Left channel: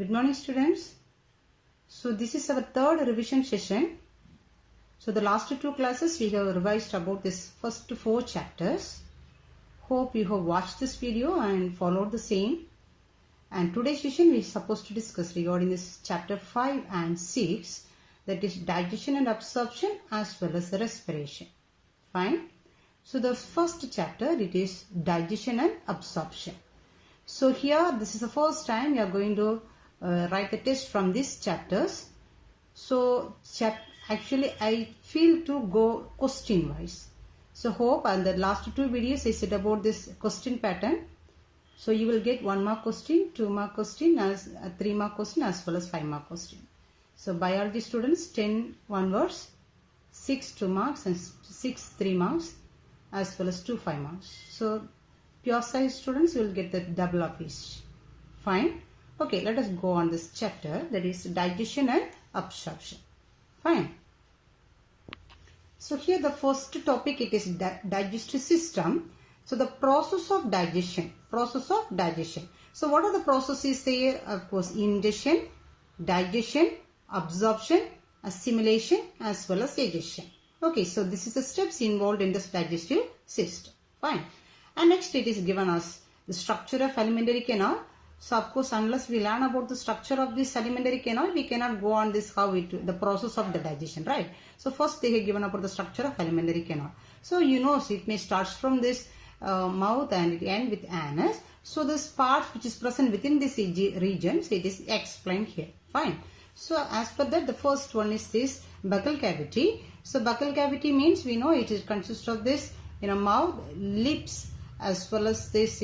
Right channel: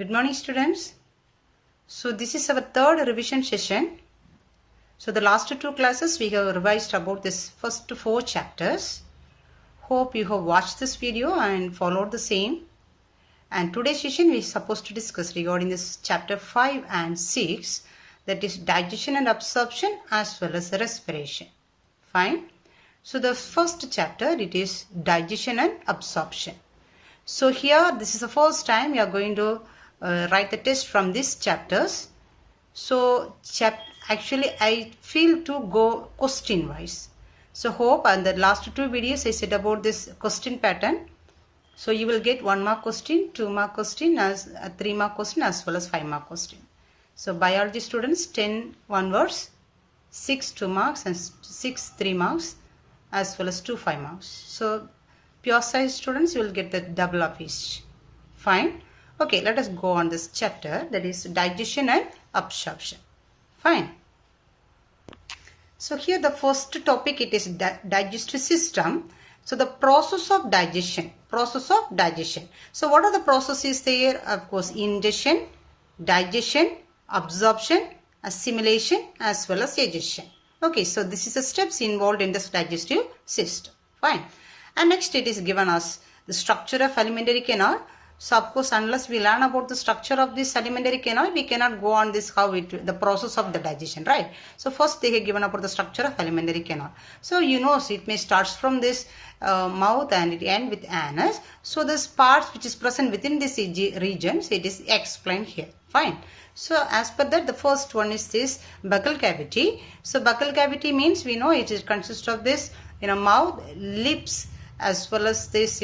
Good morning, students. So this is our third revision session. So the last two classes we have revised about this first four chapters. Hope you have watched this video and followed the same. And today's session we are supposed to discuss regarding this chapter 5 and 6, that is digestion and absorption as well as respiration. Fine. So the first chapter, it is digestion and absorption. So here this is the first time we are going to write the test from these chapters. So actually I feel to go question wise. So hope, and the last two videos I said about this question pattern. So you will get 1 mark question, 2 mark question, as 3 mark question as well as 5 mark question. So biology students 10 1 words, 6 2 marks and 6 3 marks as well as 2 5 marks. So pure science students, you will get the double of each. Fine. Okay, let us go on this chapter, that is digestion and absorption. Fine. So here the first topic, it is digestive system. So the process of digestion. So what are the processes there? Of course, ingestion, digestion, absorption, assimilation as well as digestion. Okay, so this is the steps involved in this digestive system. Fine. And next it is given us the structure of alimentary canal. So of course, unless we learn about the structure of this alimentary canal, we cannot go on this the process of the digestion, right? So first they have given about the structure of alimentary canal. So you know, so it may start from this mouth and it ends with anus. So this parts which is present within this region, so it is explained here. Fine. So as per that, the first one is this buccal cavity. So buccal cavity means we know it consists of this mouth, lips as well as this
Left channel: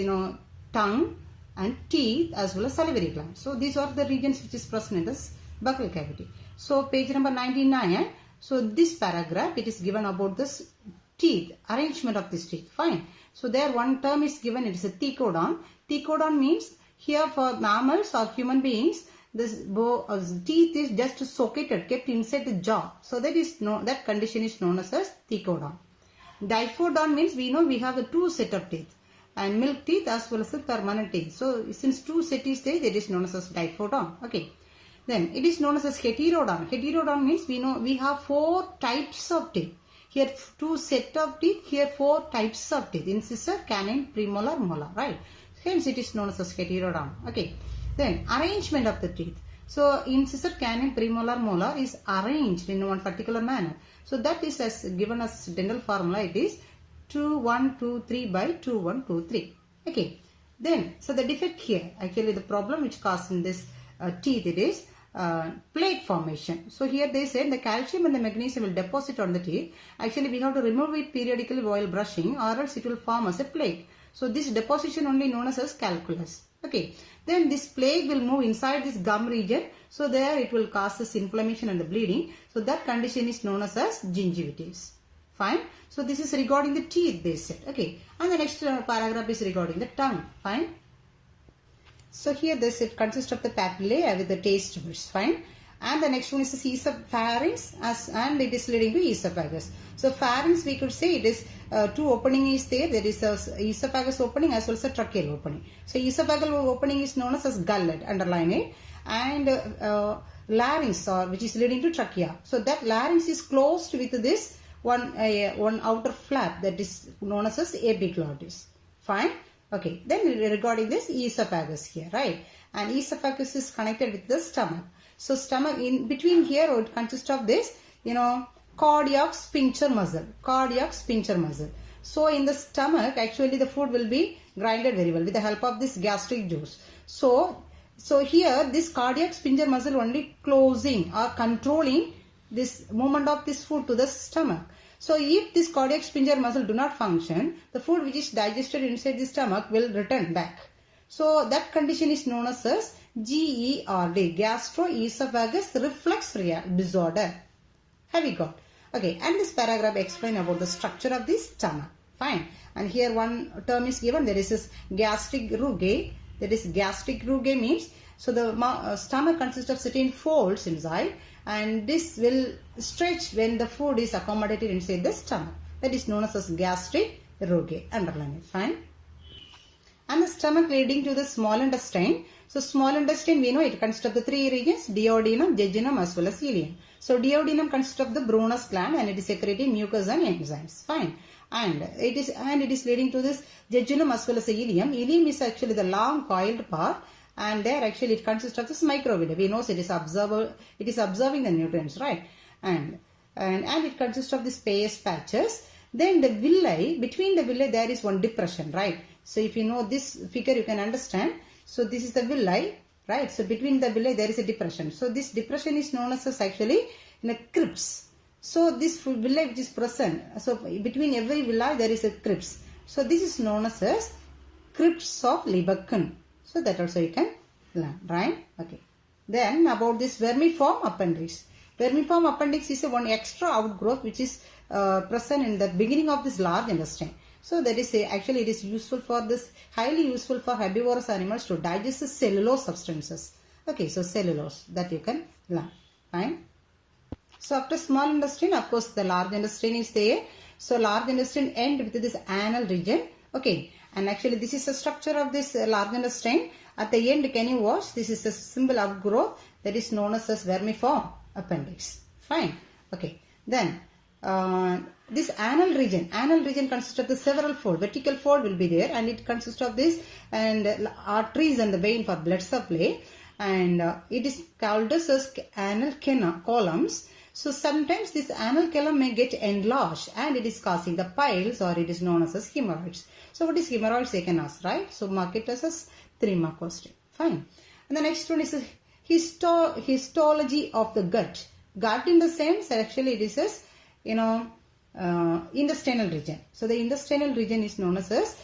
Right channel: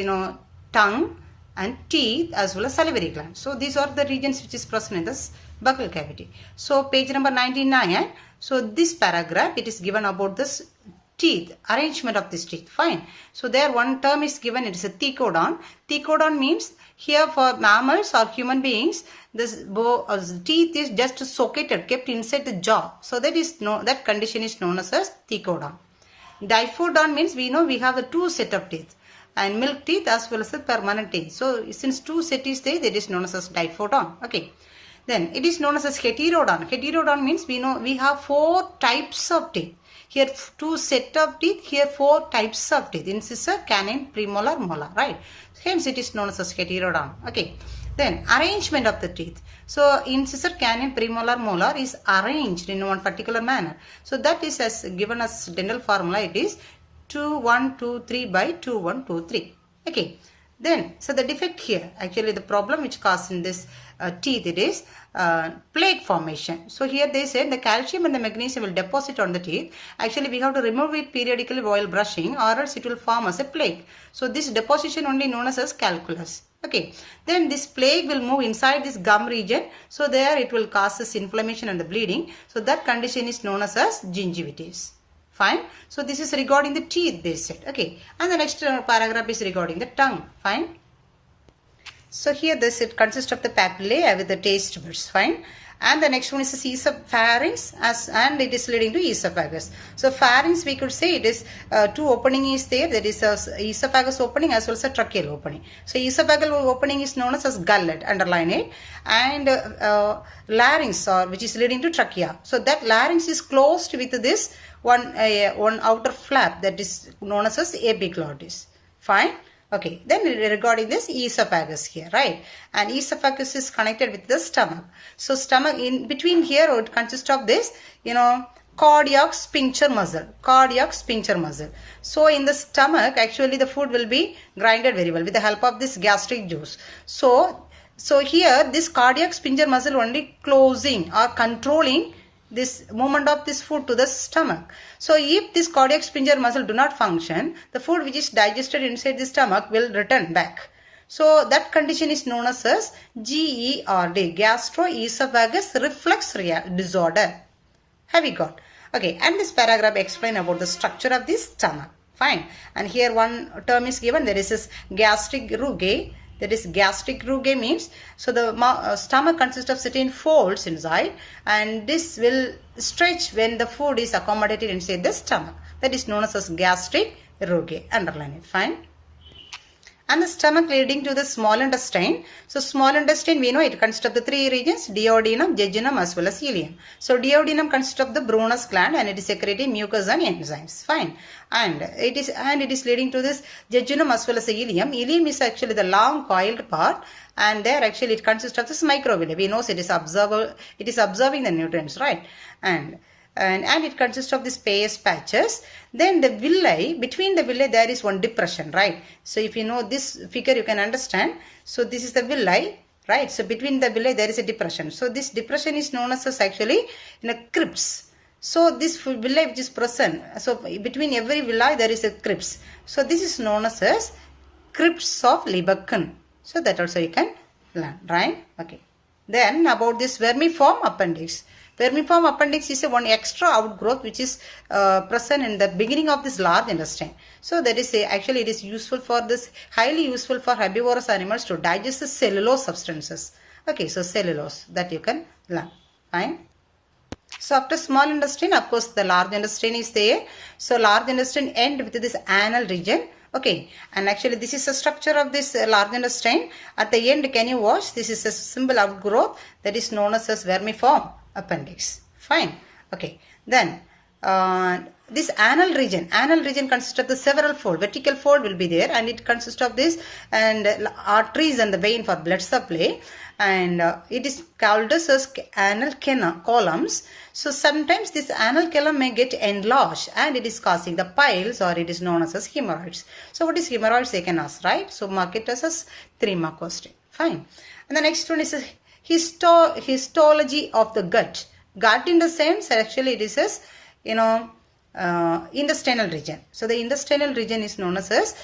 tongue and teeth as well as salivary gland. So these are the regions which is present in this buccal cavity. So page number 99. So this paragraph, it is given about this teeth, arrangement of this teeth. Fine. So there one term is given, it is a thecodon. Thecodon means here for mammals or human beings, this teeth is just socketed, kept inside the jaw. So that condition is known as thecodon. Diphodon means we know we have the two set of teeth, and milk teeth as well as the permanent teeth. So since two set is there, that is known as diphodon. Okay. Then it is known as heterodon. Heterodon means we know we have 4 types of teeth. Here 2 set of teeth, here 4 types of teeth. Incisor, canine, premolar, molar, right? Hence it is known as heterodon. Okay. Then arrangement of the teeth. So incisor, canine, premolar, molar is arranged in one particular manner. So that is as given as dental formula. It is 2 1 2 3 by 2 1 2 3. Okay. Then so the defect here, actually the problem which caused in this teeth, it is plaque formation. So here they said the calcium and the magnesium will deposit on the teeth. Actually we have to remove it periodically while brushing, or else it will form as a plaque. So this deposition only known as calculus. Okay. Then this plaque will move inside this gum region. So there it will cause this inflammation and the bleeding. So that condition is known as gingivitis. Fine. So this is regarding the teeth, they said. Okay. And the next paragraph is regarding the tongue. Fine. So here it consists of the papillae with the taste buds. Fine. And the next one is the pharynx, and it is leading to esophagus. So pharynx, we could say it is 2 opening is there. That is esophagus opening as well as a tracheal opening. So esophageal opening is known as gullet, underline it. And larynx, which is leading to trachea. So that larynx is closed with this one outer flap, that is known as epiglottis. Fine. Okay. Then regarding this esophagus here, right? And esophagus is connected with the stomach. So stomach, in between here, it consists of this, cardiac sphincter muscle. So in the stomach, actually the food will be grinded very well with the help of this gastric juice. So here this cardiac sphincter muscle only closing or controlling this movement of this food to the stomach. So if this cardiac sphincter muscle do not function, the food which is digested inside the stomach will return back. So that condition is known as GERD, gastroesophagus reflux disorder. Have you got? Okay. And this paragraph explain about the structure of this stomach. Fine. And here one term is given. There is this gastric rugae. That is gastric rugae means, so the stomach consists of certain folds inside, and this will stretch when the food is accommodated inside the stomach. That is known as gastric rugae. Underline it. Fine. and the stomach leading to the small intestine. So small intestine, we know it consists of the three regions, duodenum, jejunum as well as ileum. So duodenum consists of the Brunner's gland and it is secreting mucus and enzymes. Fine. And it is leading to this jejunum as well as the ileum. Ileum is actually the long coiled part, and there actually it consists of this microvilli. We know it is absorbing the nutrients, right? And it consists of these Peyer's patches. Then the villi, between the villi there is one depression, right? So if you know this figure, you can understand. So this is the villi, right? So between the villi there is a depression. So this depression is known as actually in a crypts. So this villi which is present, so between every villi there is a crypts. So this is known as crypts of Lieberkühn. So that also you can learn, right? Okay. Then about this vermiform appendix. Vermiform appendix is one extra outgrowth which is present in the beginning of this large intestine. So that is actually it is useful for this, highly useful for herbivorous animals to digest the cellulose substances. Okay, so cellulose that you can learn. Fine. So after small intestine, of course the large intestine is there. So large intestine end with this anal region. Okay, and actually this is the structure of this large intestine. At the end, can you watch? This is a simple outgrowth that is known as vermiform appendix. Fine. Okay. Then this anal region consists of the several fold. Vertical fold will be there, and it consists of this and arteries and the vein for blood supply. And it is called as anal columns. So sometimes this anal column may get enlarged and it is causing the piles, or it is known as hemorrhoids. So what is hemorrhoids, they can ask, right? So mark it as 3-mark question. Fine. And the next one is a histology of the gut. Gut in the sense actually it is as, intestinal region. So the intestinal region is known as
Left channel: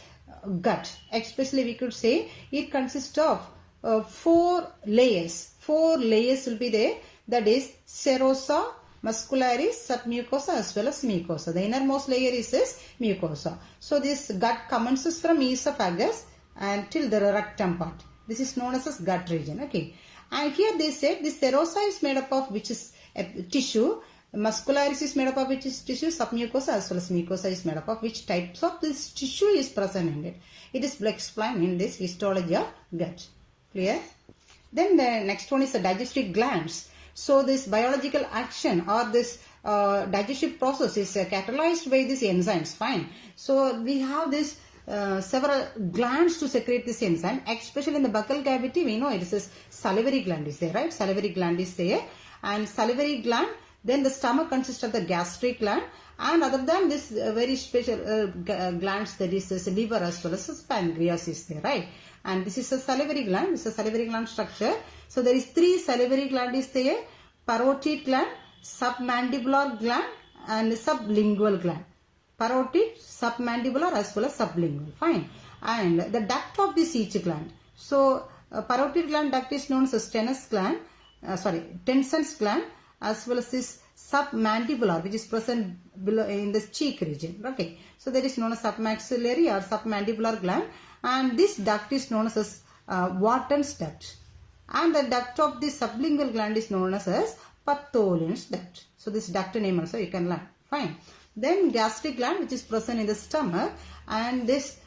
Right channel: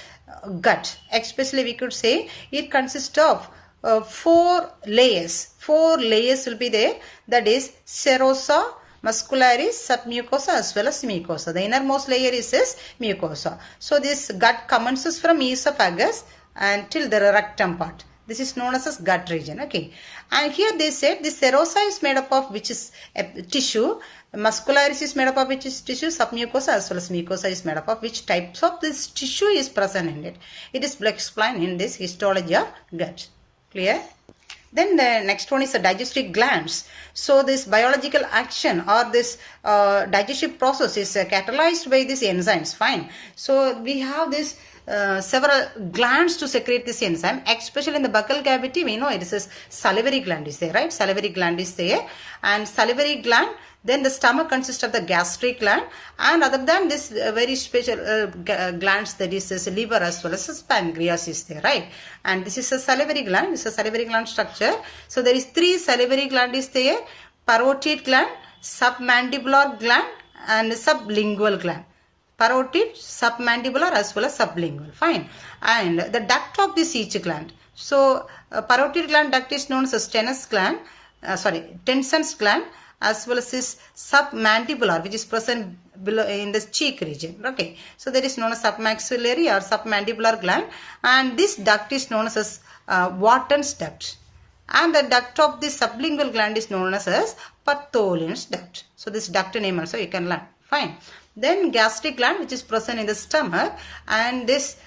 gut. Especially we could say it consists of 4 layers. 4 layers will be there. That is serosa, muscularis, submucosa as well as mucosa. The innermost layer is mucosa. So this gut commences from esophagus until the rectum part. This is known as gut region. Okay. And here they said the serosa is made up of which is tissue. Muscularis is made up of which is tissue. Submucosa as well as mucosa is made up of which types of this tissue is present in it. It is explained in this histology of gut. Clear? Then the next one is the digestive glands. So this biological action or this digestive process is catalyzed by these enzymes. Fine. So we have this several glands to secrete this enzyme, especially in the buccal cavity. We know it is a salivary gland is there, right? Salivary gland is there, and salivary gland. Then the stomach consists of the gastric gland, and other than this very special glands, that is liver as well as pancreas is there, right? And this is a salivary gland. This is a salivary gland structure. So there is 3 salivary gland is there: parotid gland, submandibular gland, and sublingual gland. Parotid, submandibular as well as sublingual. Fine. And the duct of this each gland. So parotid gland duct is known as Tenson's gland, as well as this submandibular, which is present below in the cheek region. Okay, so that is known as submaxillary or submandibular gland, and this duct is known as Wharton's duct, and the duct of this sublingual gland is known as Bartholin's duct. So this duct name also you can learn. Fine. Then gastric gland, which is present in the stomach, and this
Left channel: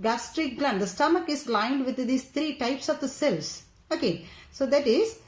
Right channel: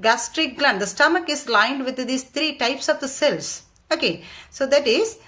gastric gland, the stomach is lined with these 3 types of the cells. Okay, so that is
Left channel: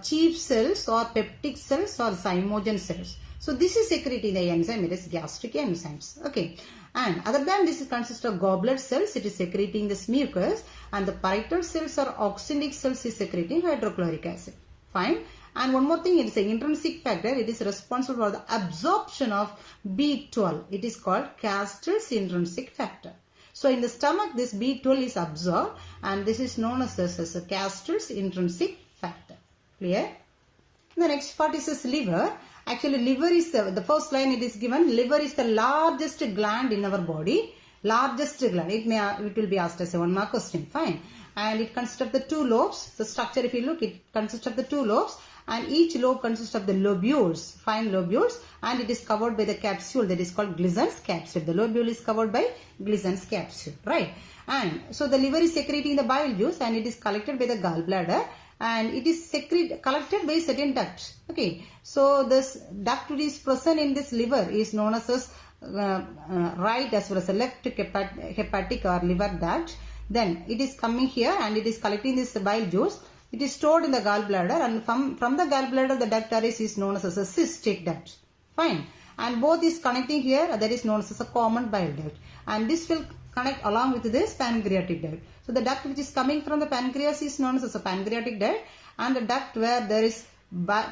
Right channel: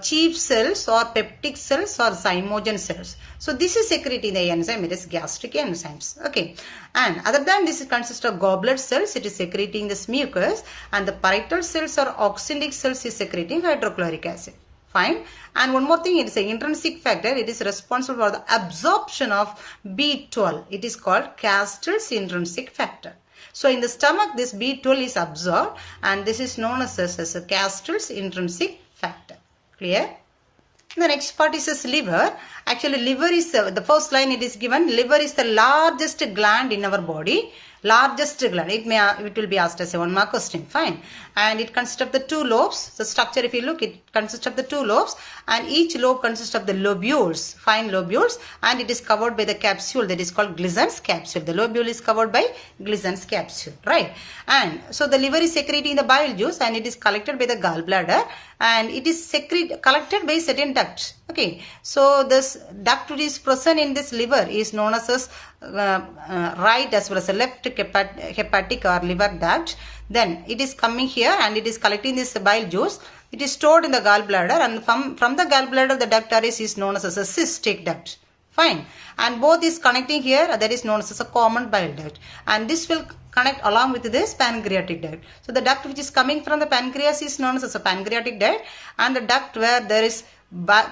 chief cells or peptic cells or zymogen cells. So this is secreting the enzyme, it is gastric enzymes. Okay, and other than this, it consists of goblet cells, it is secreting this mucus, and the parietal cells or oxyntic cells is secreting hydrochloric acid. Fine. And one more thing, it is an intrinsic factor. It is responsible for the absorption of B12. It is called Castle's intrinsic factor. So in the stomach, this B12 is absorbed, and this is known as a Castle's intrinsic factor. Clear? The next part is this liver. Actually, liver is the first line it is given. Liver is the largest gland in our body. Largest gland. It will be asked as a 1-mark question. Fine. And it consists of the 2 lobes. The structure, if you look, it consists of the 2 lobes, and each lobe consists of the lobules, fine lobules, and it is covered by the capsule that is called Glison's capsule. The lobule is covered by Glison's capsule, right? And so the liver is secreting the bile juice, and it is collected by the gallbladder, and it is collected by certain ducts. Okay, so this duct which is present in this liver is known as right as well as a left hepatic or liver duct. Then it is coming here and it is collecting this bile juice. It is stored in the gallbladder, and from the gallbladder the duct array is known as a cystic duct. Fine. And both is connecting here, that is known as a common bile duct. And this will connect along with this pancreatic duct. So the duct which is coming from the pancreas is known as a pancreatic duct, and the duct where there is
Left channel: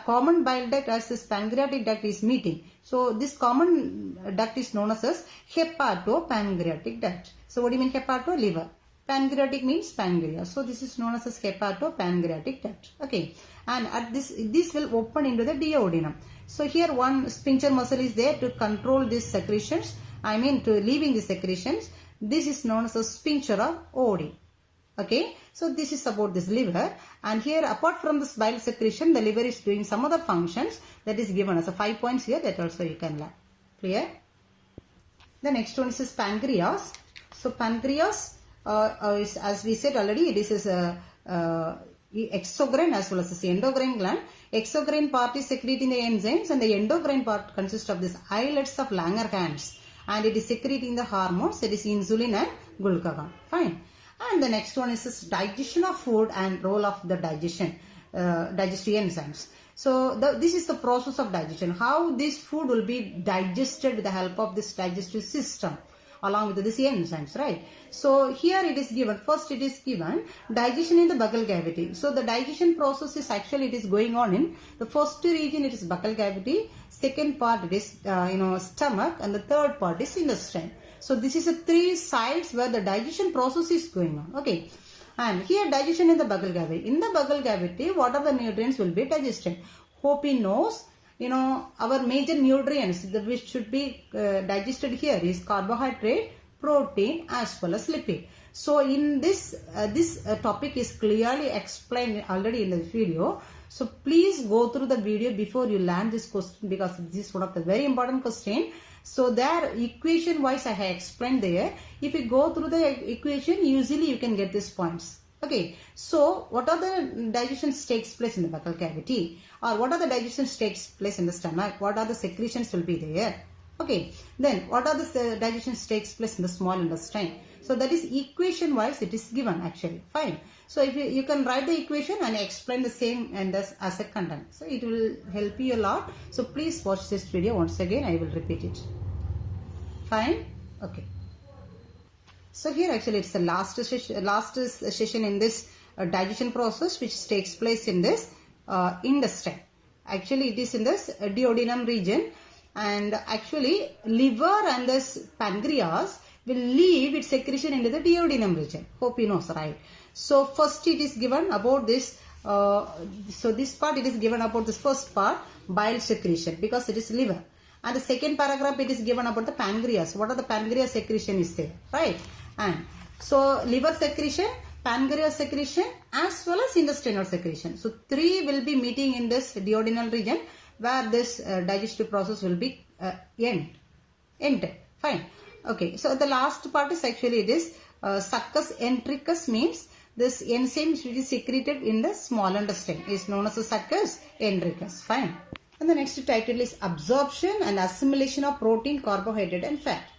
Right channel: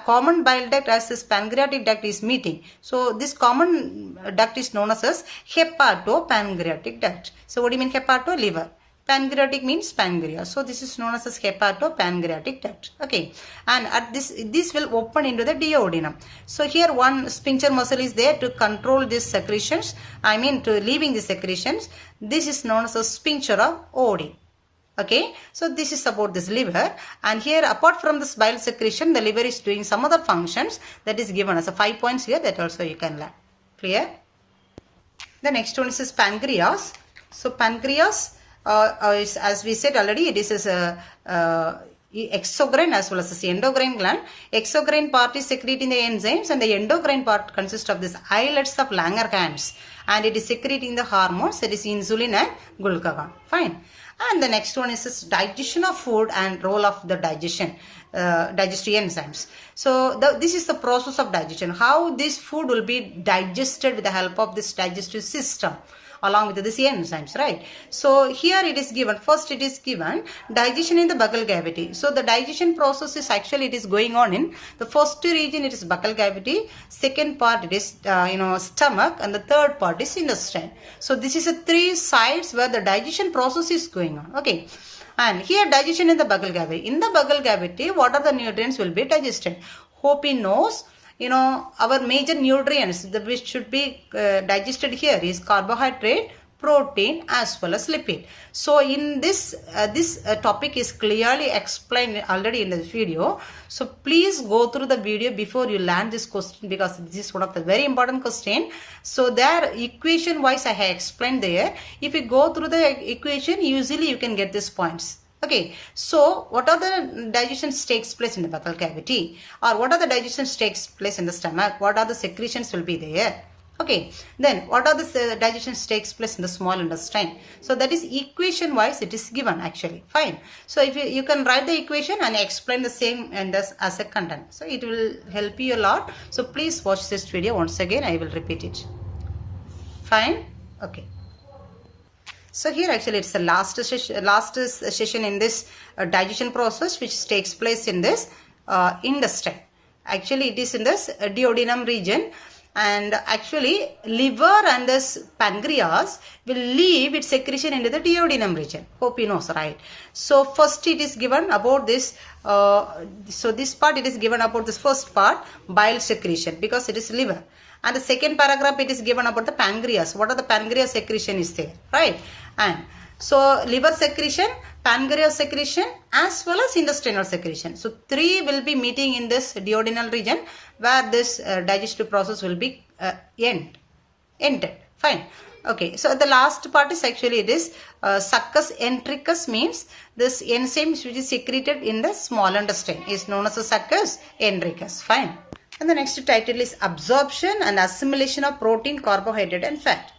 common bile duct as this pancreatic duct is meeting. So this common duct is known as hepatopancreatic duct. So what do you mean hepato? Liver. Pancreatic means pancreas. So this is known as hepatopancreatic duct. Okay. And at this will open into the duodenum. So here one sphincter muscle is there to control these secretions. I mean to leaving the secretions. This is known as a sphincter of Oddi. Okay. So this is about this liver. And here apart from this bile secretion, the liver is doing some other functions that is given as a 5 points here, that also you can learn. Clear? The next one is pancreas. So pancreas is, as we said already, it is a exocrine as well as the endocrine gland. Exocrine part is secreting the enzymes, and the endocrine part consists of these islets of Langerhans, and it is secreting the hormones, that is insulin and glucagon. Fine. And the next one is this digestion of food and role of the digestive enzymes. So this is the process of digestion. How this food will be digested with the help of this digestive system along with these enzymes, right? So here it is given, first it is given digestion in the buccal cavity. So the digestion process is actually, it is going on in the first region, it is buccal cavity, second part it is stomach, and the third part is intestine. So this is a 3 sides where the digestion process is going on. Okay. And here digestion in the buccal cavity. In the buccal cavity, what are the nutrients will be digested? Hope he knows. Our major nutrients which should be digested here is carbohydrate, protein as well as lipid. So in this topic is clearly explained already in the video. So please go through the video before you learn this question, because this is one of the very important question. So there equation wise I have explained there. If you go through the equation, usually you can get these points. Okay, so what are the digestions takes place in the buccal cavity, or what are the digestions takes place in the stomach? What are the secretions will be there? Okay, then what are the digestions takes place in the small intestine? So that is equation wise it is given actually. Fine. So if you can write the equation and explain the same and as a content. So it will help you a lot. So please watch this video once again. I will repeat it. Fine. Okay. So here actually it's the last session in this digestion process which takes place in this intestine. Actually it is in this duodenum region, and actually liver and this pancreas will leave its secretion into the duodenum region. Hope you know, right? So first it is given about this, so this part it is given about this first part, bile secretion, because it is liver. And the second paragraph it is given about the pancreas. What are the pancreas secretion is there, right? And so liver secretion, pancreas secretion as well as intestinal secretion. So 3 will be meeting in this duodenal region where this digestive process will be ended. Fine. Okay. So the last part is actually it is succus entericus, means this enzyme which is secreted in the small intestine is known as a succus entericus. Fine. And the next title is absorption and assimilation of protein, carbohydrate and fat.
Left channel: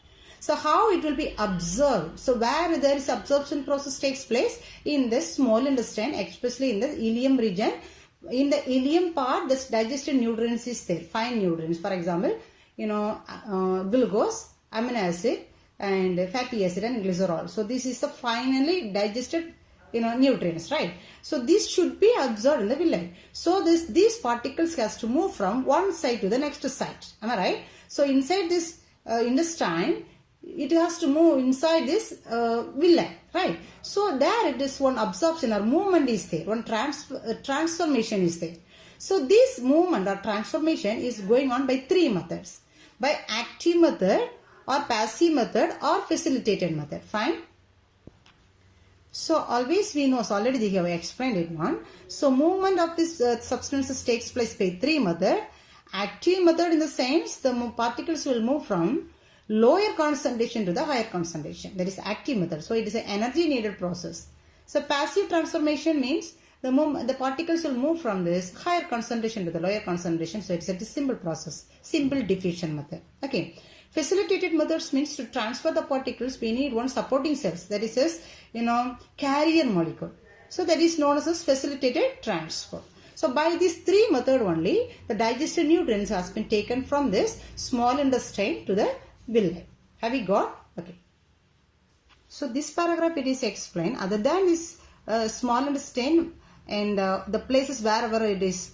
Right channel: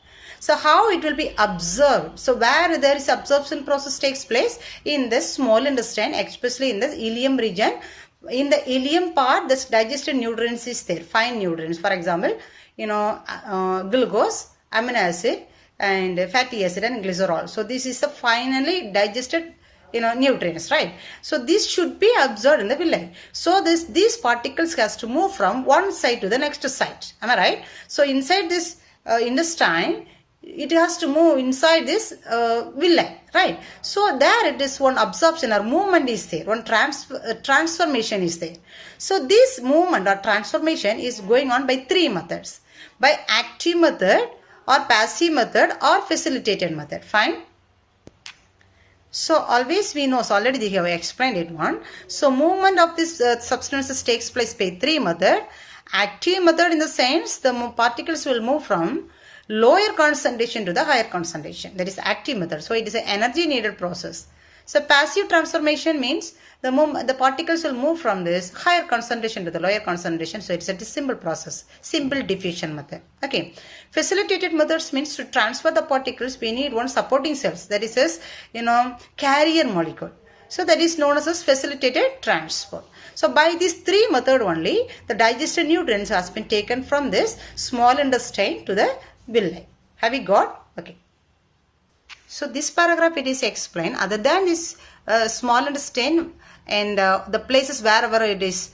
So how it will be absorbed? So where there is absorption process takes place in the small intestine, especially in the ileum region. In the ileum part, this digested nutrients is there, fine nutrients. For example, glucose, amino acid and fatty acid and glycerol. So this is the finally digested nutrients, right? So this should be absorbed in the villi. So these particles has to move from one side to the next side. Am I right? So inside this intestine, it has to move inside this villi, right? So there it is one absorption or movement is there, one transformation is there. So this movement or transformation is going on by 3 methods: by active method or passive method or facilitated method. Fine. So always we know, so already they have explained it one. So movement of this substances takes place by 3 method. Active method in the sense the particles will move from lower concentration to the higher concentration. That is active method. So it is an energy needed process. So passive transformation means the particles will move from this higher concentration to the lower concentration. So it's a simple process, simple diffusion method. Okay, facilitated methods means to transfer the particles we need one supporting cells, that is as carrier molecule. So that is known as facilitated transfer. So by this three method only, the digested nutrients has been taken from this small intestine to the villi. Have you got? Okay. So this paragraph it is explained. Other than this small intestine and the places wherever it is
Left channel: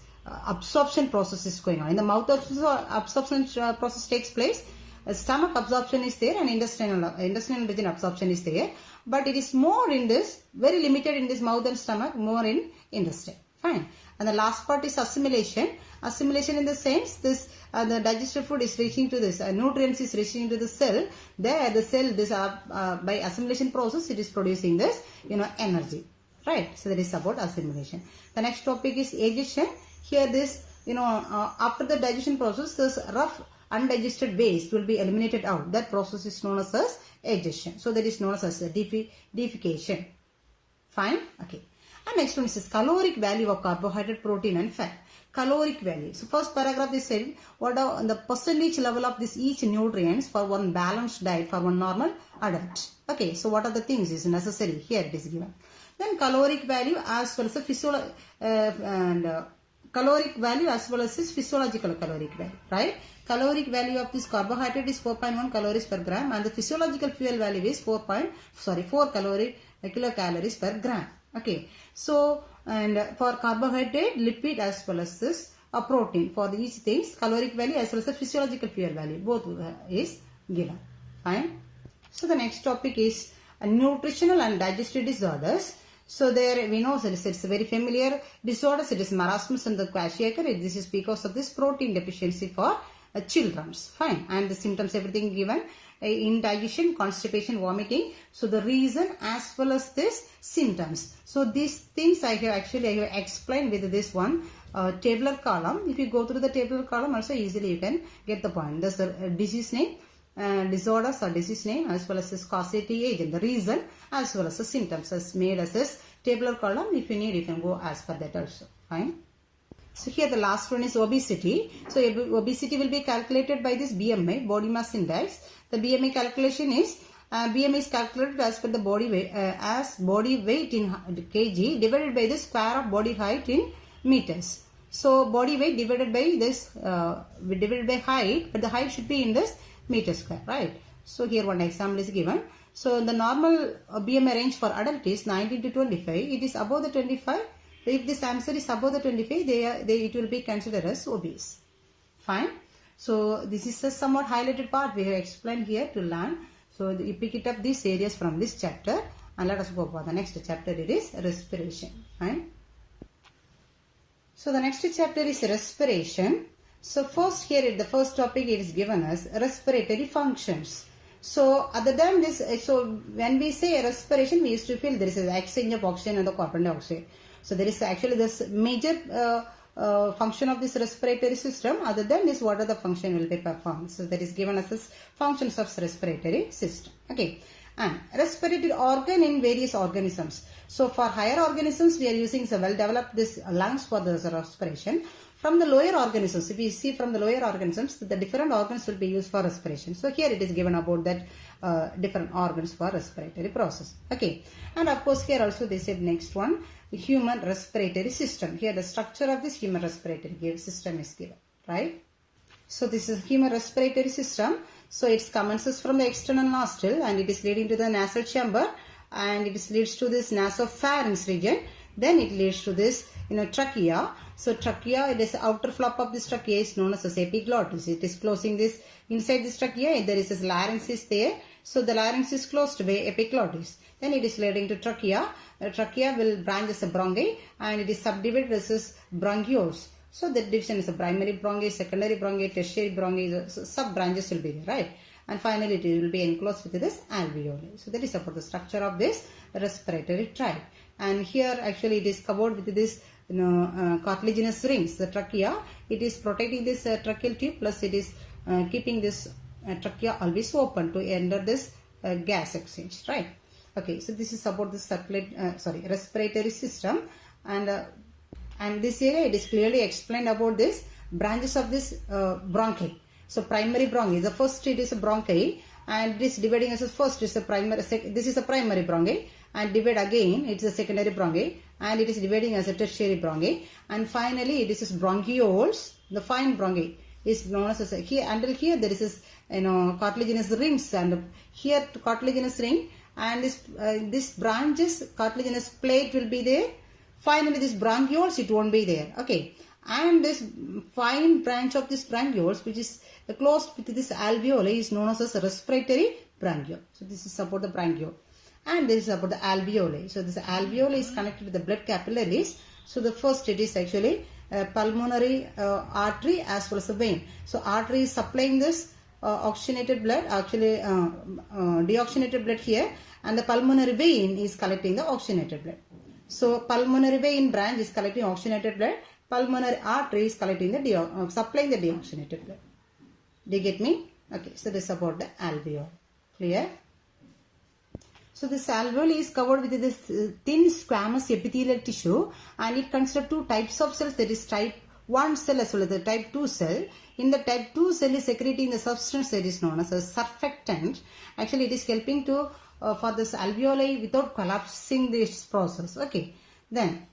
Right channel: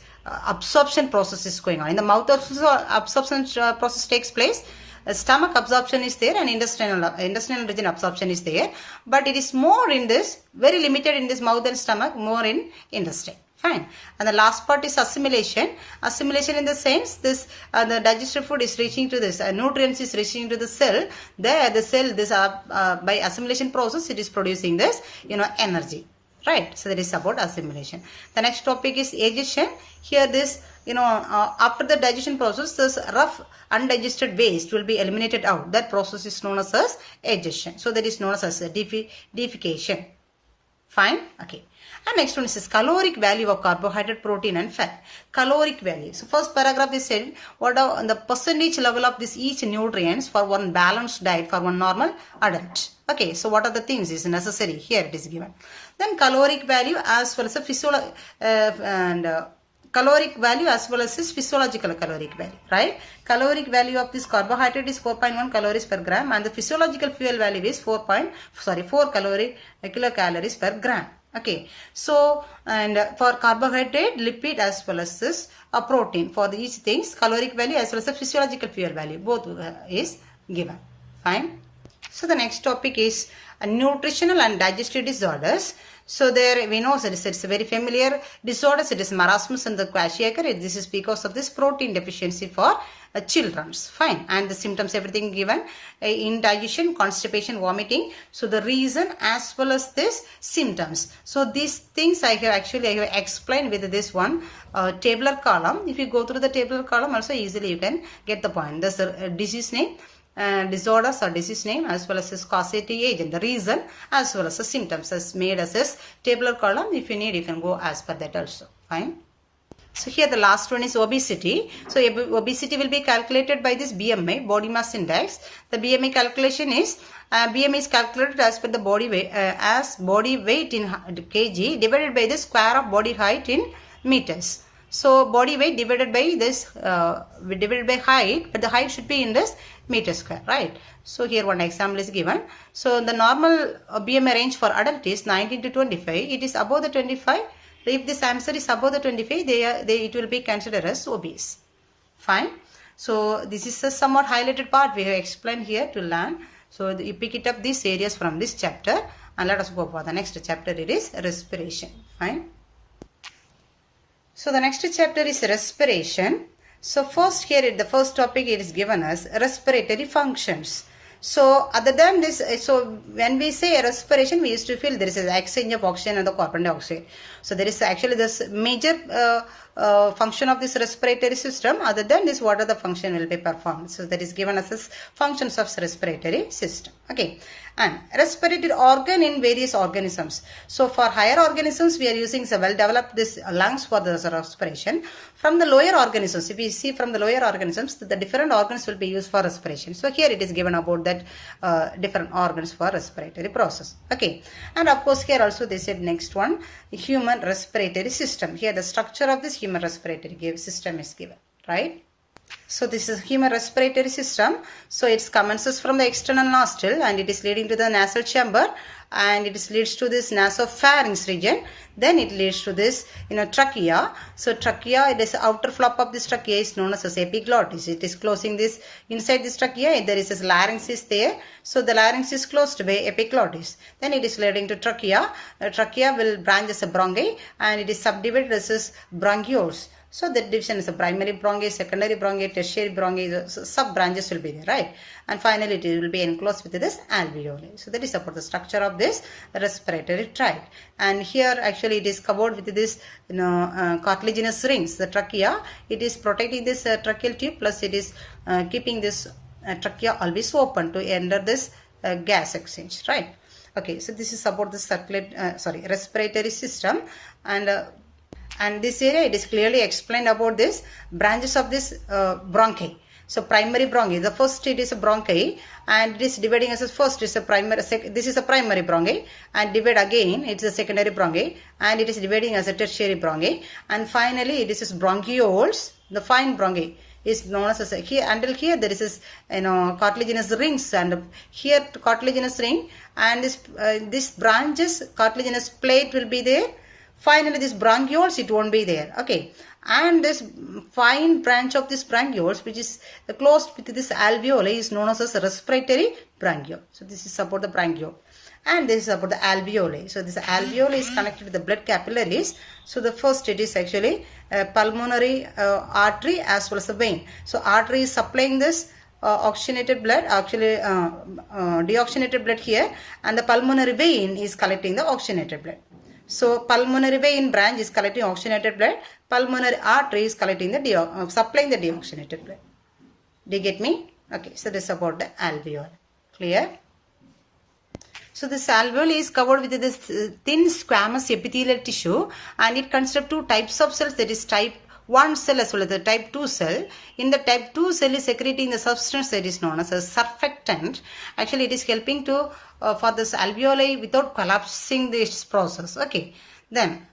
absorption process is going on. In the mouth absorption process takes place. Stomach absorption is there and intestinal region absorption is there. But it is more in this, very limited in this mouth and stomach, more in intestine. Fine. And the last part is assimilation. Assimilation in the sense this the digested food is reaching to this nutrients is reaching to the cell. There the cell this by assimilation process it is producing this energy. Right. So that is about assimilation. The next topic is digestion. Here this after the digestion process this rough undigested waste will be eliminated out. That process is known as digestion. So that is known as deification. Fine. Okay. And next one is caloric value of carbohydrate, protein and fat. Caloric value. So first paragraph is said what are the percentage level of this each nutrients for one balanced diet for one normal adult. Okay, so what are the things is necessary? Here it is given. Then caloric value as well as a caloric value as well as this physiological caloric value, right? Caloric value of this carbohydrate is 4.1 calories per gram and the physiological fuel value is 4 kilocalories per gram. Okay, so and for carbohydrate, lipid as well as this protein for each things caloric value as well as the physiological fuel value both is given. Fine. So the next topic is nutritional and digestive disorders. So there we know that it's a very familiar disorders. It is marasmus and the kwashiorkor. This is because of this protein deficiency for children's. Fine. And the symptoms everything given indigestion, constipation, vomiting. So the reason as well as this symptoms. So these things I have explained with this one tabular column. If you go through the tabular column also easily you can get the point. There's a disease name, disorders or disease name as well as this causative agent, the reason as well as the symptoms as made as this tabular column. If you need you can go as per that also. Fine. So here the last one is obesity. So obesity will be calculated by this BMI, body mass index. The BMI calculation is BMI is calculated as per the body weight as body weight in kg divided by the square of body height in meters. So body weight divided by this divided by height, but the height should be in this meter square, right? So here one example is given. So the normal BMI range for adult is 19 to 25. It is above the 25. If this answer is above the 25, it will be considered as obese. Fine. So this is a somewhat highlighted part we have explained here to learn. So you pick it up these areas from this chapter and let us go for the next chapter. It is respiration. Fine. So the next chapter is respiration. So first here the first topic it is given as respiratory functions. So other than this, so when we say respiration, we used to feel there is an exchange of oxygen and the carbon dioxide. So there is actually this major function of this respiratory system. Other than this, what are the function will be performed? So that is given as this functions of respiratory system. Okay. And respiratory organ in various organisms. So for higher organisms, we are using so well developed this lungs for the respiration. From the lower organisms, if we see from the lower organisms, the different organs will be used for respiration. So here it is given about that different organs for respiratory process. Okay. And of course here also they said next one, human respiratory system. Here the structure of this human respiratory system is given, right? So this is human respiratory system. So it commences from the external nostril and it is leading to the nasal chamber and it leads to this nasopharynx region. Then it leads to this trachea. So trachea, it is the outer flap of this trachea is known as epiglottis. It is closing this inside this trachea. There is this larynx is there. So the larynx is closed by epiglottis. Then it is leading to trachea. Trachea will branch as a bronchi and it is subdivided as this bronchioles. So the division is a primary bronchi, secondary bronchi, tertiary bronchi, so sub branches will be there, right? And finally it will be enclosed with this alveoli. So that is about the structure of this respiratory tract. And here actually it is covered with this cartilaginous rings. The trachea, it is protecting this tracheal tube plus it is keeping this trachea always open to enter this gas exchange, right? Okay, so this is about the respiratory system, and this area it is clearly explained about this branches of this bronchi. So primary bronchi, the first it is a bronchi, and it is dividing as a first is a primary, this is a primary bronchi, and divide again it's a secondary bronchi, and it is dividing as a tertiary bronchi, and finally this is bronchioles, the fine bronchi is known as here, until here there is this cartilaginous rings, and here cartilaginous ring, and this branches cartilaginous plate will be there. Finally this bronchioles it won't be there. Okay, and this fine branch of this bronchioles which is closed with this alveoli is known as a respiratory bronchiole. So this is about the bronchiole, and this is about the alveoli. So this alveoli is connected with the blood capillaries. So the first it is actually pulmonary artery as well as the vein. So artery is supplying this oxygenated blood, actually deoxygenated blood here, and the pulmonary vein is collecting the oxygenated blood. So pulmonary vein branch is collecting oxygenated blood, pulmonary artery is collecting the supplying the deoxygenated blood. Do you get me? Okay, so this is about the alveoli. Clear? So this alveoli is covered with this thin squamous epithelial tissue, and it consists of two types of cells, that is type 1 cell as well as the type 2 cell. In the type 2 cell is secreting the substance that is known as a surfactant. Actually it is helping to for this alveoli without collapsing this process. Okay, then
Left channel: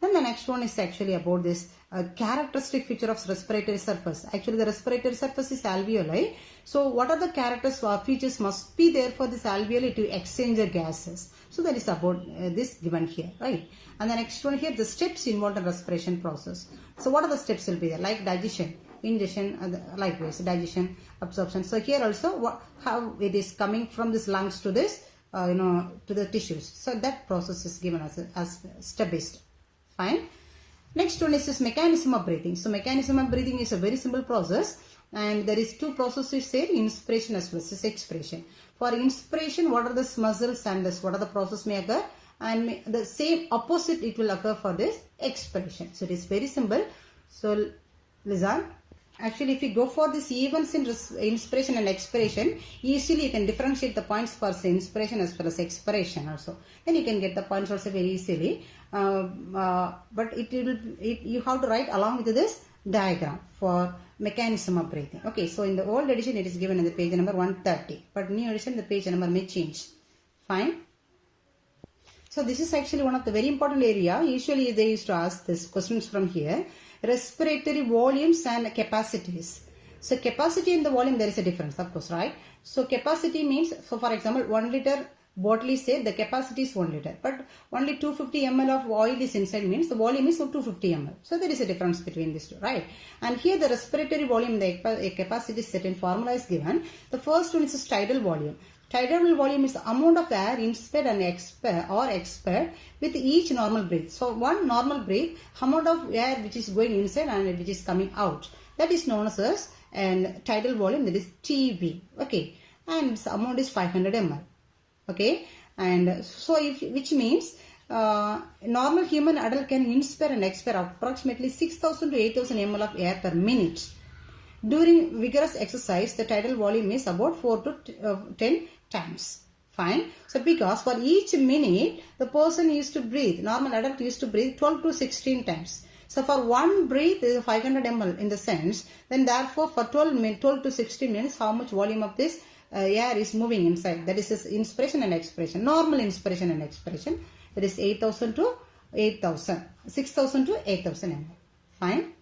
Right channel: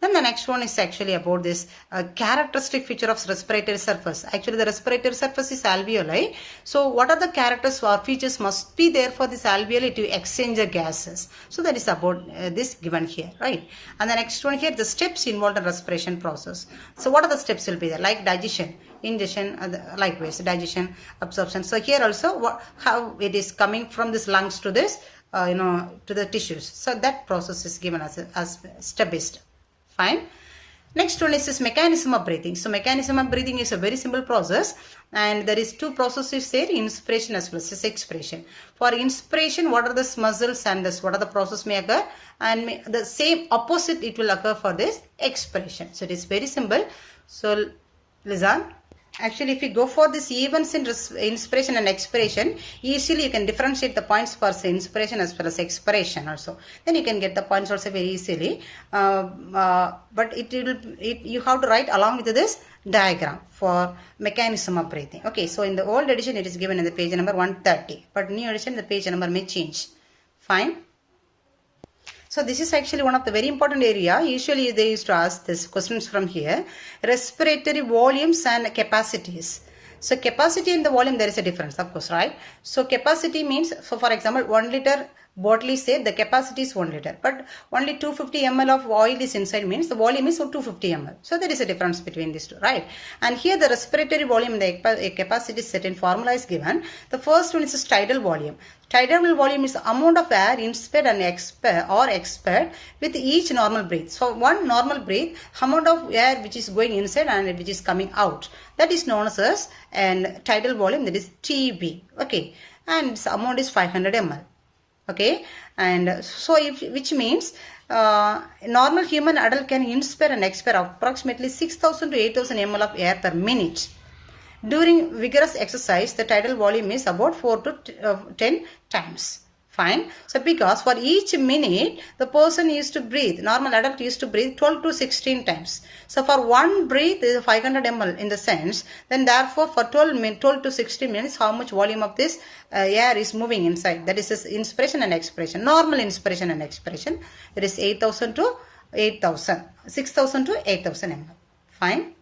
the next one is actually about this characteristic feature of respiratory surface. Actually the respiratory surface is alveoli. So what are the characters or features must be there for this alveoli to exchange the gases? So that is about this given here, right? And the next one here, the steps involved in respiration process. So what are the steps will be there? Like digestion, ingestion, likewise digestion, absorption. So here also how it is coming from this lungs to this to the tissues. So that process is given as step by step. Fine. Next one is this mechanism of breathing. So mechanism of breathing is a very simple process, and there is two processes there, inspiration as well as expiration. For inspiration, what are the muscles and what are the process may occur, and the same opposite it will occur for this expiration. So it is very simple. So listen. Actually, if you go for this events in inspiration and expiration, easily you can differentiate the points for inspiration as well as expiration also. Then you can get the points also very easily. But you have to write along with this diagram for mechanism of breathing. Okay, so in the old edition it is given in the page number 130, but new edition the page number may change. Fine. So this is actually one of the very important area. Usually they used to ask this questions from here. Respiratory volumes and capacities. So capacity and the volume, there is a difference, of course, right? So capacity means, so for example, 1 liter bottle is said the capacity is 1 liter, but only 250 ml of oil is inside, means the volume is 250 ml. So there is a difference between these two, right? And here the respiratory volume, the capacity is set in formula is given. The first one is tidal volume. Tidal volume is the amount of air inspired and expired with each normal breath. So one normal breath, amount of air which is going inside and which is coming out, that is known as and tidal volume, that is TB. Okay, and this amount is 500 ml. Okay, and so which means normal human adult can inspire and expire approximately 6,000 to 8,000 ml of air per minute. During vigorous exercise, the tidal volume is about 4 to 10 times. Fine. So because for each minute, the person used to breathe, normal adult used to breathe 12 to 16 times. So for one breath is 500 ml in the sense, then therefore for 12 to 16 minutes, how much volume of this air is moving inside? That is inspiration and expiration. Normal inspiration and expiration, it is 6,000 to 8,000 ml. Fine.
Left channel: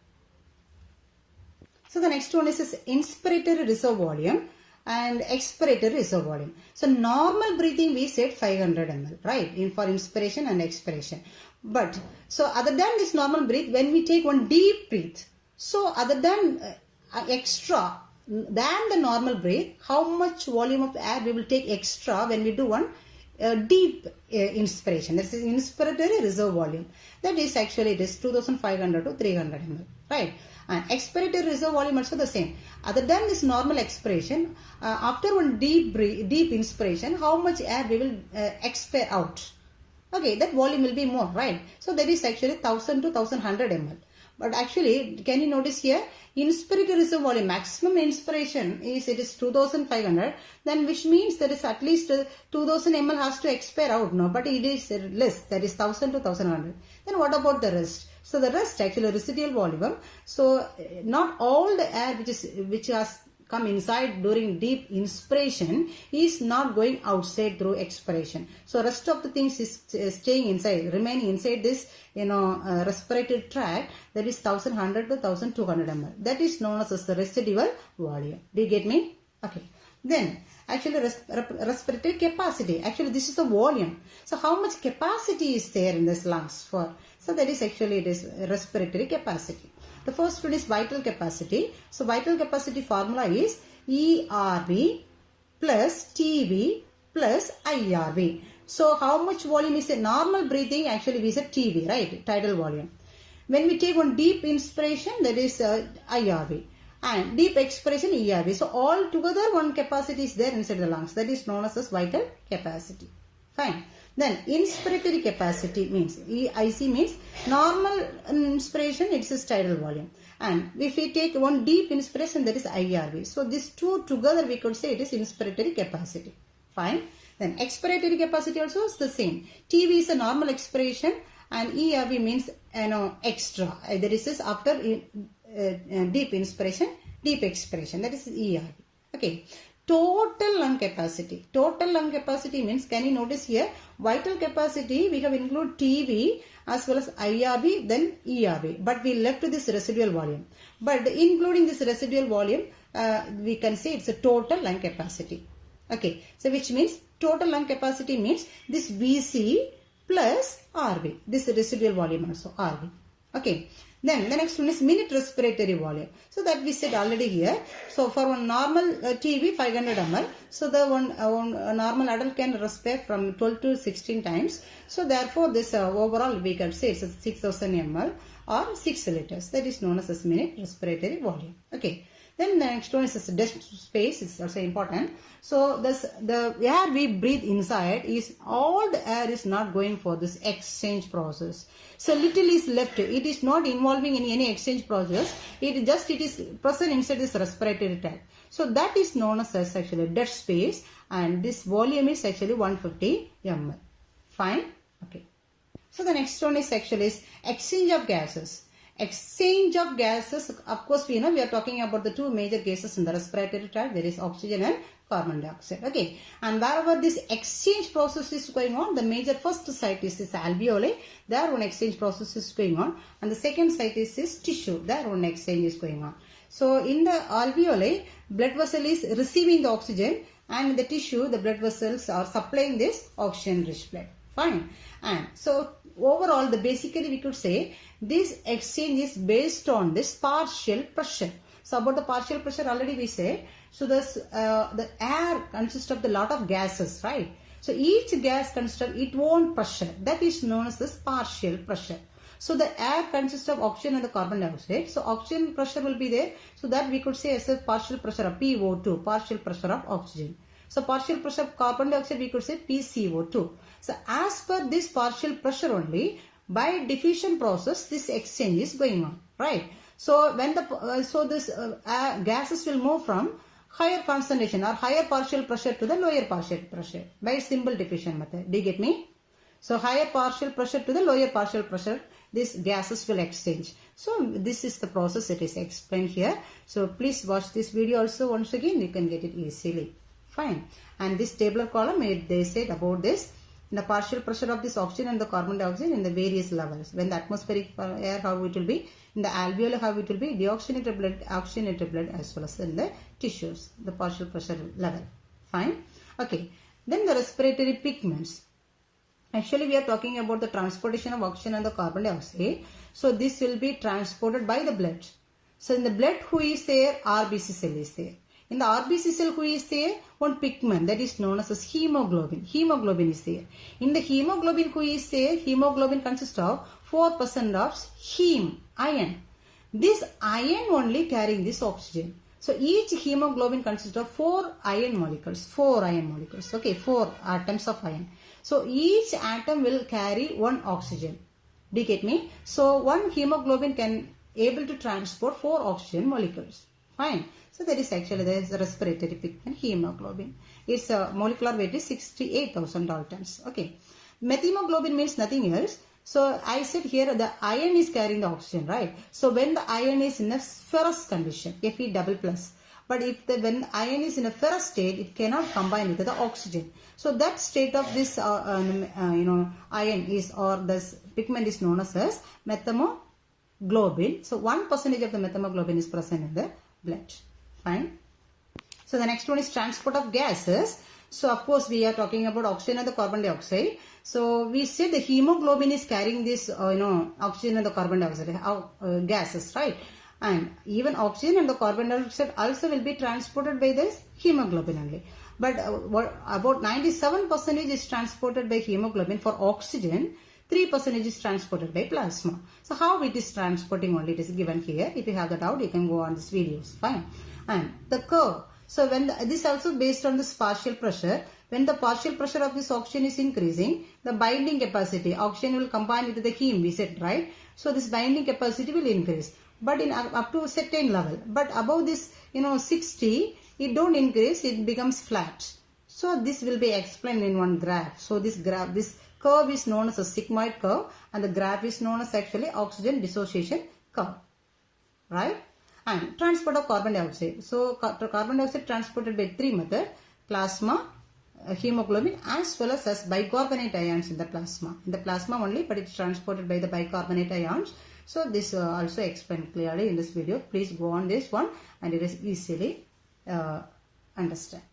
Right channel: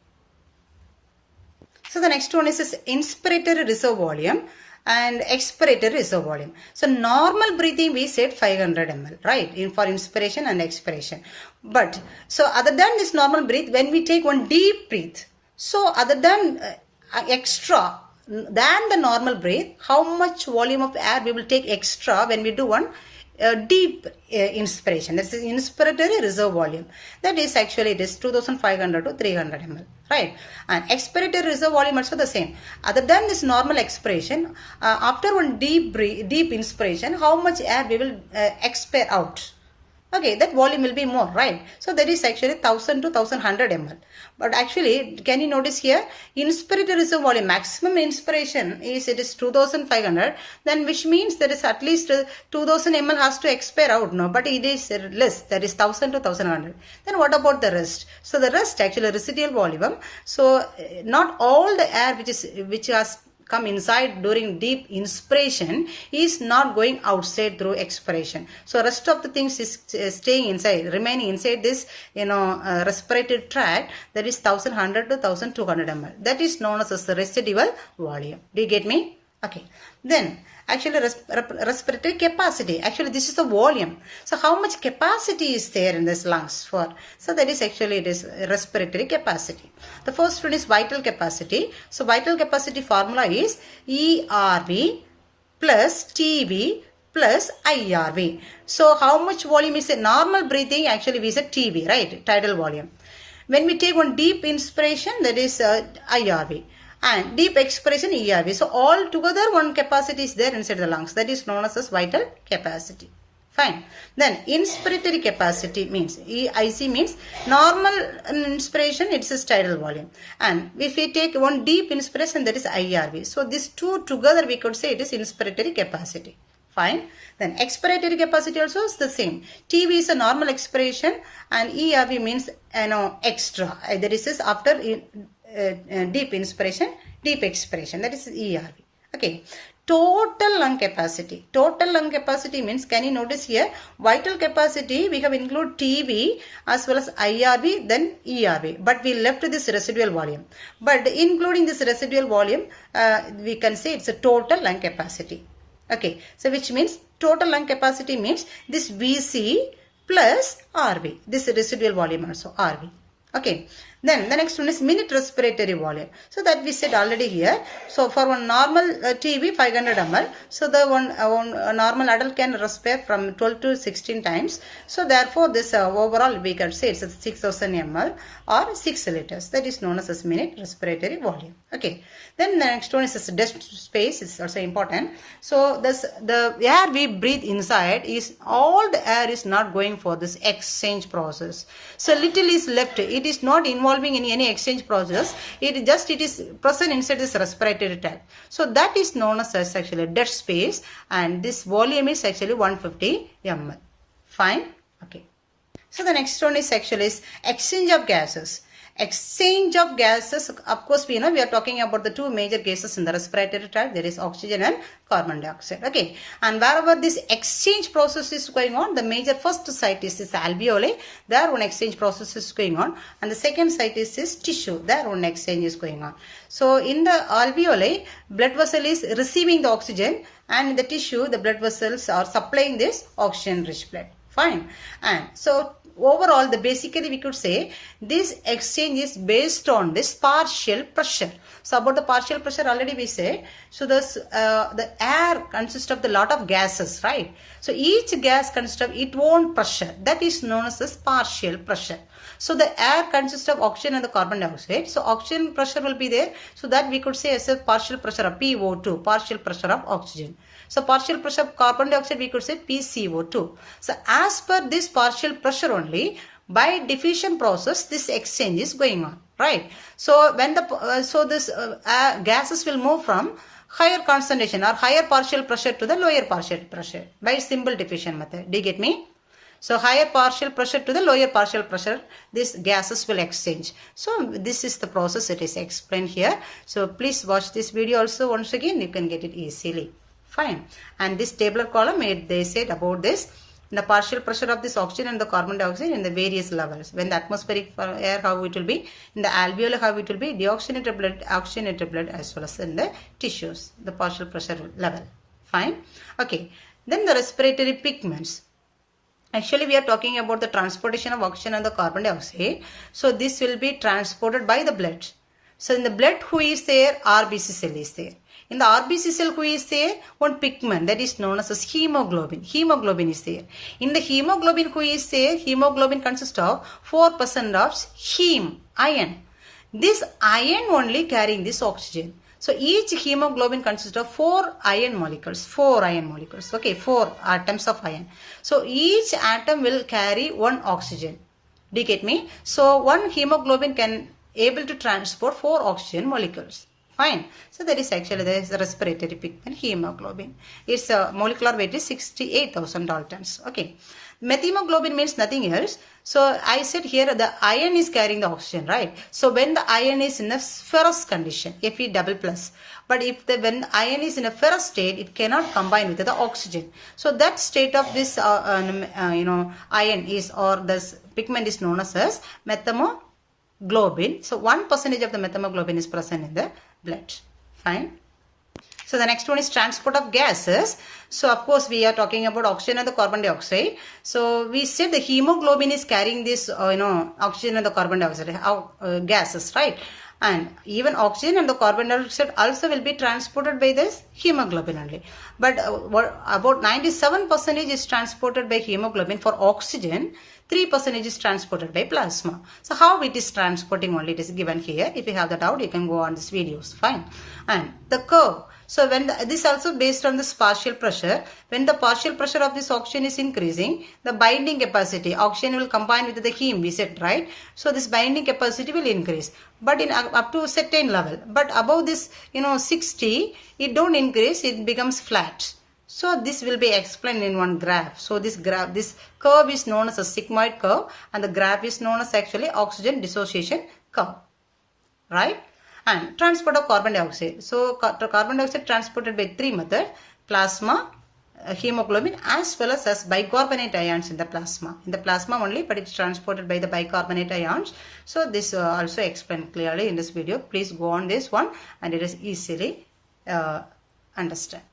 So the next one is this inspiratory reserve volume and expiratory reserve volume. So normal breathing we said 500 ml, right, for inspiration and expiration. But so other than this normal breath, when we take one deep breath, so other than extra than the normal breath, how much volume of air we will take extra when we do one deep inspiration? That's the inspiratory reserve volume. That is actually it is 2,500 to 300 ml, right? And expiratory reserve volume also the same. Other than this normal expiration, after one deep inspiration, how much air we will expire out? Okay, that volume will be more, right? So that is actually 1000 to 1100 ml. But actually, can you notice here, inspirator reserve volume, maximum inspiration is, it is 2500, then which means there is at least 2000 ml has to expire out, no? But it is less, that is 1000 to 1100. Then what about the rest? So the rest actually residual volume. So not all the air which has come inside during deep inspiration is not going outside through expiration. So rest of the things is staying inside, remaining inside this respiratory tract, that is 1100 to 1200 ml. That is known as the residual volume. Do you get me? Okay. Then actually respiratory capacity, actually this is the volume. So how much capacity is there in this lungs for? So that is actually, it is respiratory capacity. The first one is vital capacity. So vital capacity formula is ERV plus TB plus IRV. So how much volume is it? Normal breathing, actually we said TB, right? Tidal volume. When we take one deep inspiration, that is IRV. And deep expiration ERV. So all together one capacity is there inside the lungs. That is known as vital capacity. Fine. Then inspiratory capacity means, EIC means normal inspiration, it's a tidal volume. And if we take one deep inspiration, that is IRV. So these two together we could say it is inspiratory capacity. Fine. Then expiratory capacity also is the same. TB is a normal expiration and ERV means extra. That is after deep inspiration, deep expiration, that is ERV. Okay. Total lung capacity. Total lung capacity means, can you notice here, vital capacity we have include TB as well as IRV, then ERV, but we left this residual volume. But including this residual volume, we can say it's a total lung capacity. Okay, so which means total lung capacity means this VC plus RV, this residual volume also RV. Okay, then the next one is minute respiratory volume. So that we said already here. So for one normal TB 500 ml, so the one normal adult can respire from 12 to 16 times. So therefore this overall we can say it's 6000 ml or 6 liters. That is known as minute respiratory volume. Okay. Then the next one is desk space. It's also important. So the air we breathe inside is all the air is not going for this exchange process. So little is left. It is not involving in any exchange process. It is present inside this respiratory tract. So that is known as actually dead space, and this volume is actually 150 ml. Fine. Okay. So the next one is actually exchange of gases. Exchange of gases, of course we know we are talking about the two major gases in the respiratory tract, there is oxygen and carbon dioxide. Okay, and wherever this exchange process is going on, the major first site is this alveoli, there one exchange process is going on, and the second site is this tissue, there one exchange is going on. So in the alveoli, blood vessel is receiving the oxygen, and in the tissue the blood vessels are supplying this oxygen rich blood. Fine. And so overall, basically we could say this exchange is based on this partial pressure. So about the partial pressure already we said. So the air consists of the lot of gases, right? So each gas consists of its own pressure. That is known as this partial pressure. So the air consists of oxygen and the carbon dioxide. So oxygen pressure will be there. So that we could say as a partial pressure of PO2, partial pressure of oxygen. So partial pressure of carbon dioxide we could say PCO2. So as per this partial pressure only, by diffusion process this exchange is going on, right? So when the gases will move from higher concentration or higher partial pressure to the lower partial pressure by simple diffusion method. Do you get me? So higher partial pressure to the lower partial pressure, these gases will exchange. So this is the process, it is explained here. So please watch this video also once again, you can get it easily. Fine. And this tabular column, they said about this, the partial pressure of this oxygen and the carbon dioxide in the various levels. When the atmospheric air, how it will be, in the alveoli, how it will be, deoxygenated blood, oxygenated blood, as well as in the tissues, the partial pressure level. Fine. Okay. Then the respiratory pigments. Actually, we are talking about the transportation of oxygen and the carbon dioxide. So this will be transported by the blood. So in the blood, who is there? RBC cell is there. In the RBC cell, who is there? One pigment that is known as hemoglobin. Hemoglobin is there. In the hemoglobin, who is there? Hemoglobin consists of 4% of heme, iron. This iron only carrying this oxygen. So each hemoglobin consists of 4 iron molecules. 4 iron molecules. Okay, 4 atoms of iron. So each atom will carry 1 oxygen. Do you get me? So one hemoglobin can able to transport 4 oxygen molecules. Fine. So that is actually the respiratory pigment hemoglobin. Its molecular weight is 68,000 Daltons. Okay. Methemoglobin means nothing else. So I said here the iron is carrying the oxygen, right? So when the iron is in a ferrous condition, Fe double plus. But if when the iron is in a ferrous state, it cannot combine with the oxygen. So that state of this iron is, or this pigment is known as methemoglobin. So 1% of the methemoglobin is present in the blood. Fine. So the next one is transport of gases. So of course we are talking about oxygen and the carbon dioxide. So we said the hemoglobin is carrying this oxygen and the carbon dioxide gases, right? And even oxygen and the carbon dioxide also will be transported by this hemoglobin only. But about 97% is transported by hemoglobin. For oxygen, 3% is transported by plasma. So how it is transporting only, it is given here. If you have the doubt, you can go on this videos. Fine. And the curve. So when this also based on this partial pressure. When the partial pressure of this oxygen is increasing, the binding capacity, oxygen will combine with the heme, we said, right? So this binding capacity will increase. But in up to a certain level. But above this, 60, it don't increase, it becomes flat. So this will be explained in one graph. So this graph, this curve is known as a sigmoid curve, and the graph is known as actually oxygen dissociation curve, right? And transport of carbon dioxide. So carbon dioxide transported by 3 methods: plasma, hemoglobin, as well as bicarbonate ions in the plasma. In the plasma only, but it's transported by the bicarbonate ions. So this also explained clearly in this video. Please go on this one, and it is easily understand.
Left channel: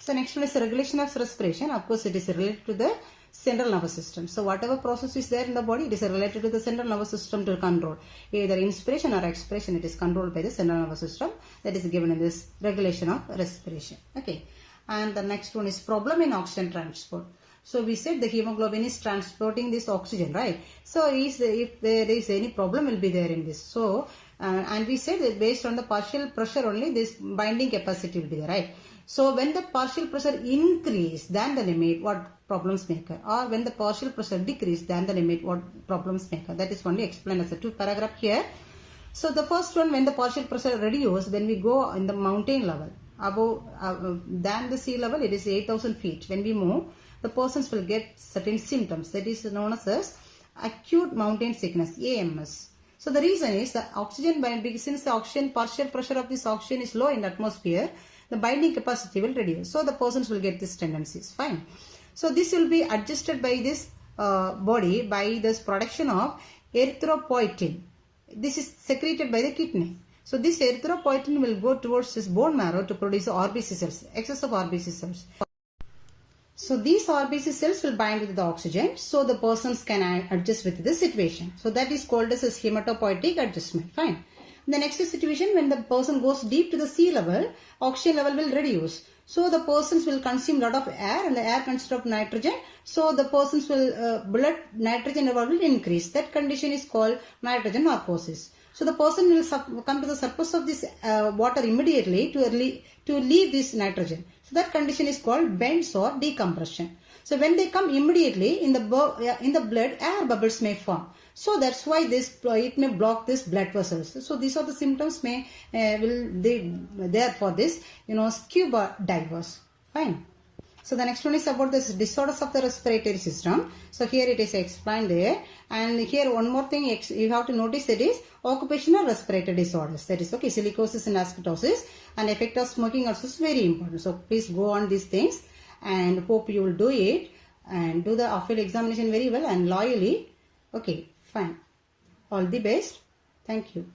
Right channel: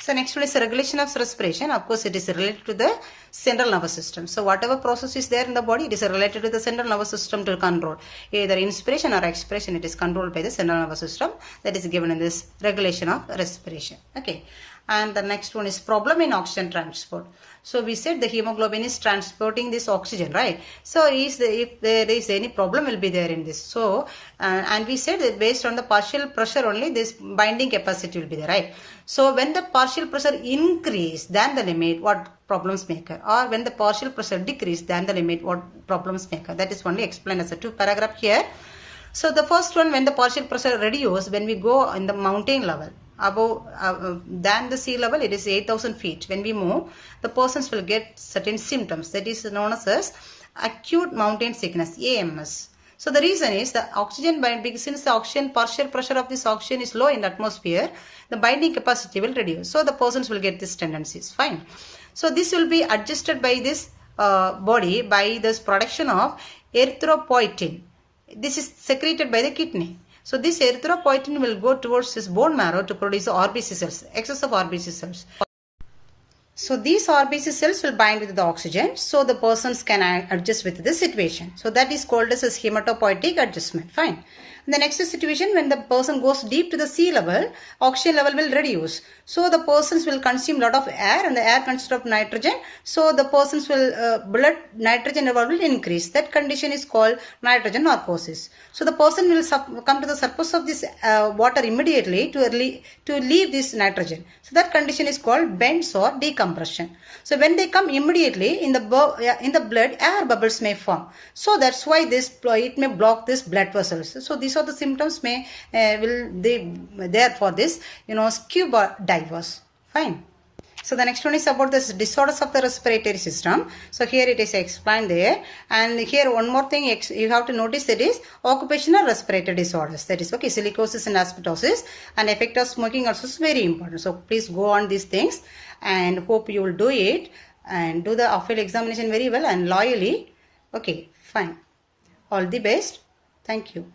So next one is regulation of respiration. Of course, it is related to the central nervous system. So whatever process is there in the body, it is related to the central nervous system to control. Either inspiration or expiration, it is controlled by the central nervous system. That is given in this regulation of respiration. Okay. And the next one is problem in oxygen transport. So we said the hemoglobin is transporting this oxygen, right? So if there is any problem will be there in this. So and we said that based on the partial pressure only, this binding capacity will be there, right? So when the partial pressure increase than the limit, what problems may occur? Or when the partial pressure decrease than the limit, what problems may occur? That is only explained as a 2 paragraph here. So the first one, when the partial pressure reduce, when we go in the mountain level, above than the sea level, it is 8,000 feet. When we move, the persons will get certain symptoms. That is known as acute mountain sickness, AMS. So the reason is the oxygen binding, since the oxygen partial pressure of this oxygen is low in the atmosphere, the binding capacity will reduce. So the persons will get these tendencies. Fine. So this will be adjusted by this body by this production of erythropoietin. This is secreted by the kidney. So this erythropoietin will go towards this bone marrow to produce the RBC cells, excess of RBC cells. So these RBC cells will bind with the oxygen, so the persons can adjust with the situation. So that is called as hematopoietic adjustment. Fine. In the next situation, when the person goes deep to the sea level, oxygen level will reduce. So the persons will consume lot of air, and the air consists of nitrogen. So the persons will blood nitrogen level will increase. That condition is called nitrogen narcosis. So the person will come to the surface of this water immediately to leave this nitrogen. So that condition is called bends or decompression. So when they come immediately in the blood, air bubbles may form. So that's why it may block this blood vessels. So these are the symptoms there for this scuba divers. Fine. So the next one is about this disorders of the respiratory system. So here it is explained there. And here one more thing you have to notice, that is occupational respiratory disorders. That is okay, silicosis and asbestosis, and effect of smoking also is very important. So please go on these things, and hope you will do it and do the off-field examination very well and loyally. Okay, fine. All the best. Thank you.